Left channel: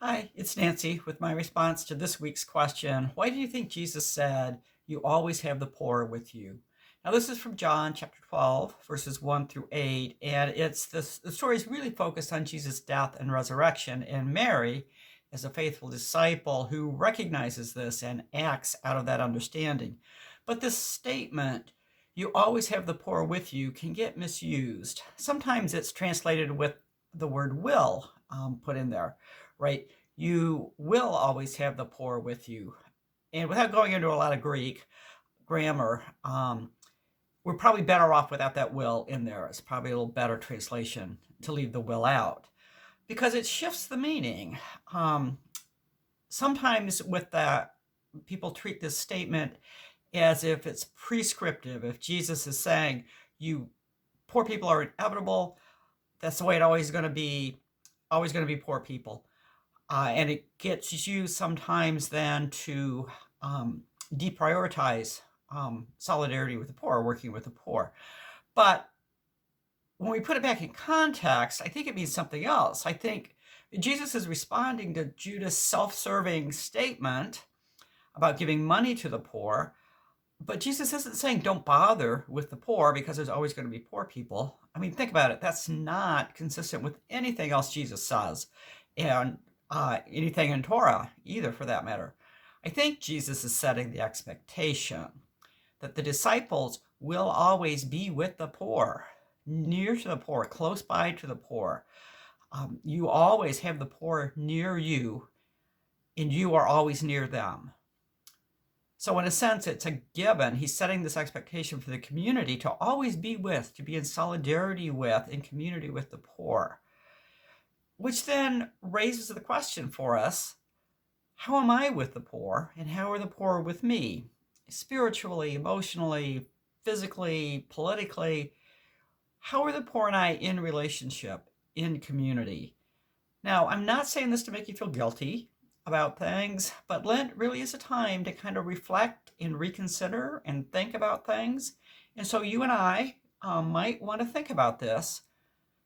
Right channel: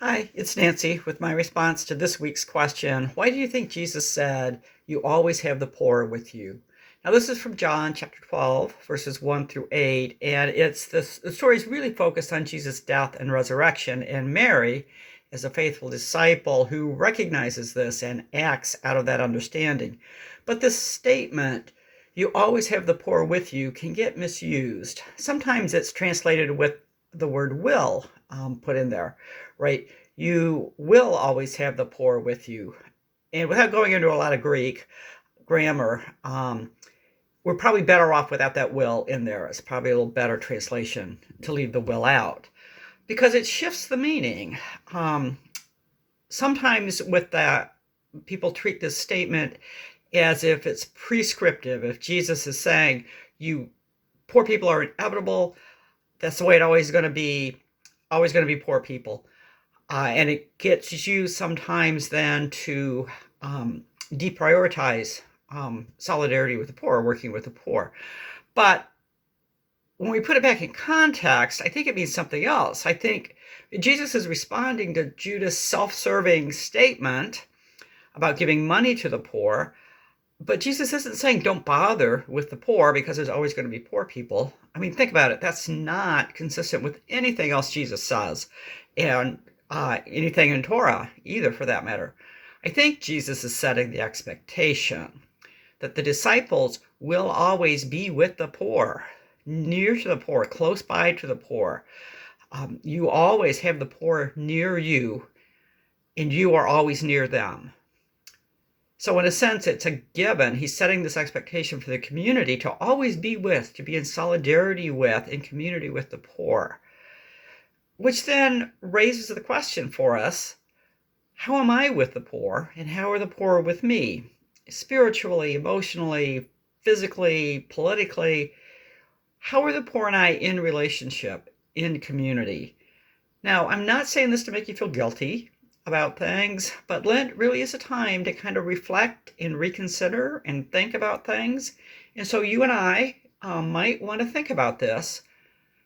Hi, it's Nancy with my response to this week's question. Why do you think Jesus said, "You always have the poor with you"? Now, this is from John chapter 12, verses 1 through 8, and the story is really focused on Jesus' death and resurrection, and Mary is a faithful disciple who recognizes this and acts out of that understanding. But this statement, "You always have the poor with you," can get misused. Sometimes it's translated with the word will put in there, right? You will always have the poor with you. And without going into a lot of Greek grammar, we're probably better off without that will in there. It's probably a little better translation to leave the will out because it shifts the meaning. Sometimes with that, people treat this statement as if it's prescriptive. If Jesus is saying, you poor people are inevitable, that's the way it always going to be poor people. And it gets used sometimes then to deprioritize solidarity with the poor, working with the poor. But when we put it back in context, I think it means something else. I think Jesus is responding to Judas' self-serving statement about giving money to the poor. But Jesus isn't saying don't bother with the poor because there's always going to be poor people. I mean, think about it. That's not consistent with anything else Jesus says, and anything in Torah either, for that matter. I think Jesus is setting the expectation that the disciples will always be with the poor, near to the poor, close by to the poor. You always have the poor near you, and you are always near them. So in a sense, it's a given. He's setting this expectation for the community to always be with, to be in solidarity with, in community with the poor. Which then raises the question for us, how am I with the poor, and how are the poor with me? Spiritually, emotionally, physically, politically, how are the poor and I in relationship, in community? Now, I'm not saying this to make you feel guilty about things, but Lent really is a time to kind of reflect and reconsider and think about things. And so you and I might want to think about this.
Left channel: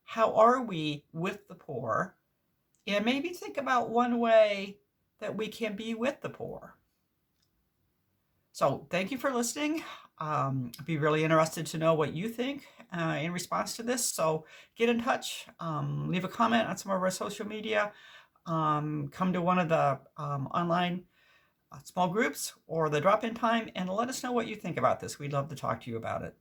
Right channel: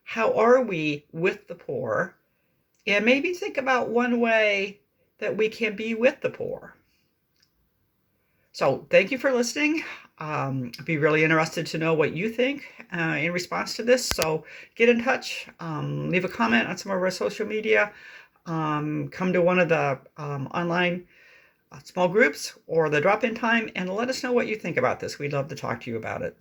How are we with the poor? And maybe think about one way that we can be with the poor. So thank you for listening. I'd be really interested to know what you think in response to this. So get in touch, leave a comment on some of our social media, come to one of the online small groups or the drop-in time and let us know what you think about this. We'd love to talk to you about it.